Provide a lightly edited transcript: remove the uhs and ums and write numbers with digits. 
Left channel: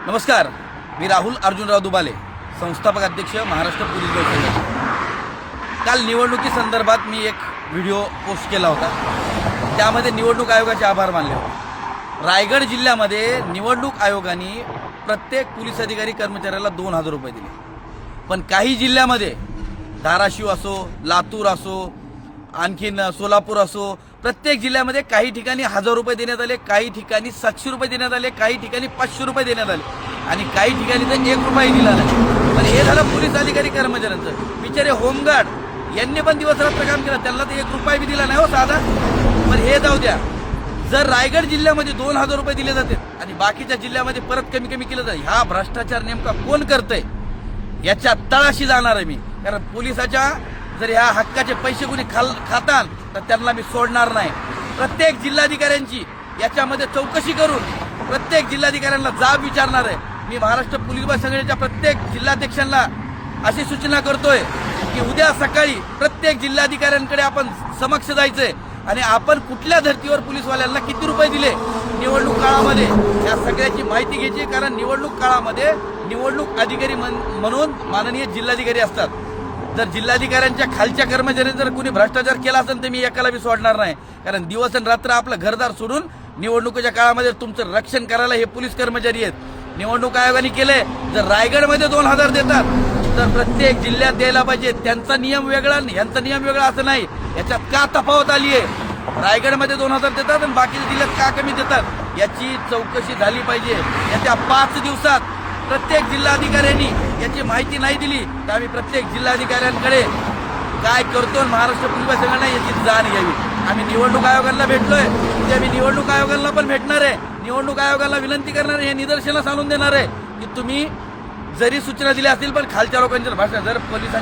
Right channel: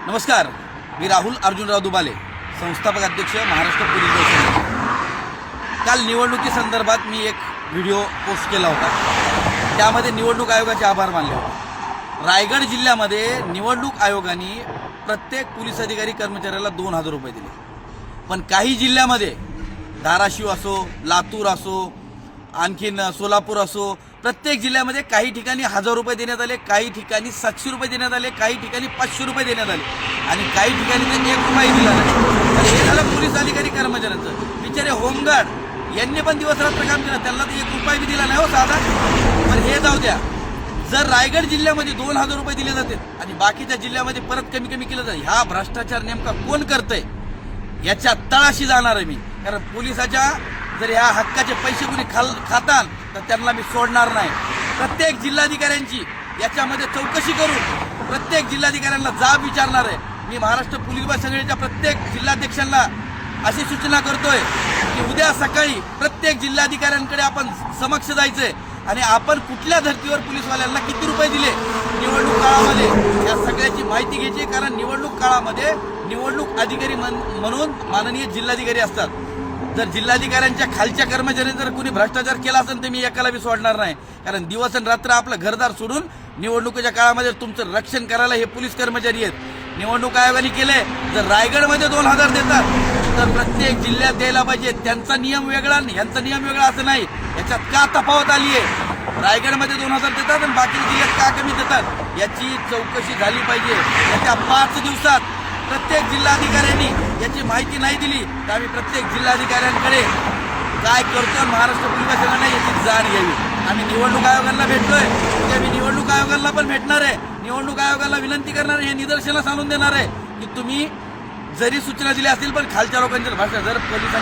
नमस्कार, मी राहुल अर्जुनराव दुबाले, संस्थापक अध्यक्ष महाराष्ट्र पोलीस दल संघटना। काल निवडणुकीसंदर्भात मी एक व्हिडिओ पोस्ट केला होता। त्यामध्ये निवडणूक आयोगाचे आभार मानले होते। रायगड जिल्ह्यामध्ये निवडणूक आयोगाने प्रत्येक पोलीस अधिकारी कर्मचाऱ्याला 2000 रुपये दिले, पण काही जिल्ह्यामध्ये धाराशिव असो, लातूर असो, आणखीन सोलापूर असो, प्रत्येक जिल्ह्यामध्ये काही ठिकाणी 1000 रुपये देण्यात आले, काही ठिकाणी 700 रुपये देण्यात आले, काही ठिकाणी 500 रुपये देण्यात आले आणि काही ठिकाणी तर 1 रुपया दिला नाही। तर हे झालं पोलीस अधिकारी कर्मचाऱ्यांचं। बिचारे होमगार्ड यांनी पण दिवसरात्र काम केलं, त्यांना तर 1 रुपया बी दिला नाही हो साधा। पण हे जाऊ द्या, जर रायगड जिल्ह्यामध्ये 2000 रुपये दिले जाते आणि बाकीच्या जिल्ह्यामध्ये परत कमी केलं जाईल, हा भ्रष्टाचार नेमका कोण करतंय याच्या तळाशी जाणार आहे मी। कारण पोलिसाच्या जर ह्या हक्काचे पैसे कोणी खातात तर त्यांना मी सोडणार नाही। प्रत्येक जिल्हाधिकाऱ्यांची याच्यामध्ये चौकशी करून प्रत्येक जिल्हाधिकाऱ्यांना जाब विचारणार आहे मी। महाराष्ट्र पोलीस दल संघटनेच्या प्रत्येक जिल्हाध्यक्षांना अशी सूचना करतोय की उद्या सकाळी प्रत्येक जिल्हाधिकाऱ्यांकडे आपण समक्ष जायचंय आणि आपण कुठल्या धर्तीवर पोलीसवाल्यांना किती रुपये दिले निवडणूक काळामध्ये या सगळ्याची माहिती घ्यायची। कारण निवडणूक काळामध्ये निवडणूक अधिकारी म्हणून माननीय जिल्हाधिकारी असतात। जर जिल्हाधिकाऱ्यांच्या खालच्या कर्मचाऱ्यांनी जर कोणी भ्रष्टाचार केला असेल तर मी एकाला बी सोडणार नाही। कारण दिवस आणि रात्र आपलं घरदार सोडून निवडणुकीच्या काळामध्ये तुमचं रक्षण करायला हे पोलीस कर्मचारी आहेत। निवडणूक आयोगाने केलंय, जर रायगडमध्ये 2000 देतात तर प्रत्येक जिल्ह्यात द्यायला पाहिजे। त्यांचा नियम वेगळा आणि ह्यांचा नियम वेगळा असं नाही। याच्यात का तफावत आली आहे? रायगडमध्ये 2000 देतात आणि बाकी जिल्ह्यात का कमी देतात याची चौकशी झाली पाहिजे। याच्या 5 दिवसात प्रत्येक जिल्हाधिकाऱ्यांनी याची माहिती नाही दिली तर आम्ही प्रत्येक जिल्हाधिकाऱ्यांकडे काय करतो महाराष्ट्र पोलीस दल संघटना याची जाण घ्यावी। आम्ही निवडणूक आयोगाला भेटलोय, उद्या मी निवडणूक आयोगाला पण भेटणार आहे। निवडणूक आयोगाला विनंती करणार आहे, हे निदर्शनास आणून देणार आहे की तुम्ही जरी सूचना दिल्या असतील पण खालच्या लोकांच्या भाषा जर पोलिसांच्या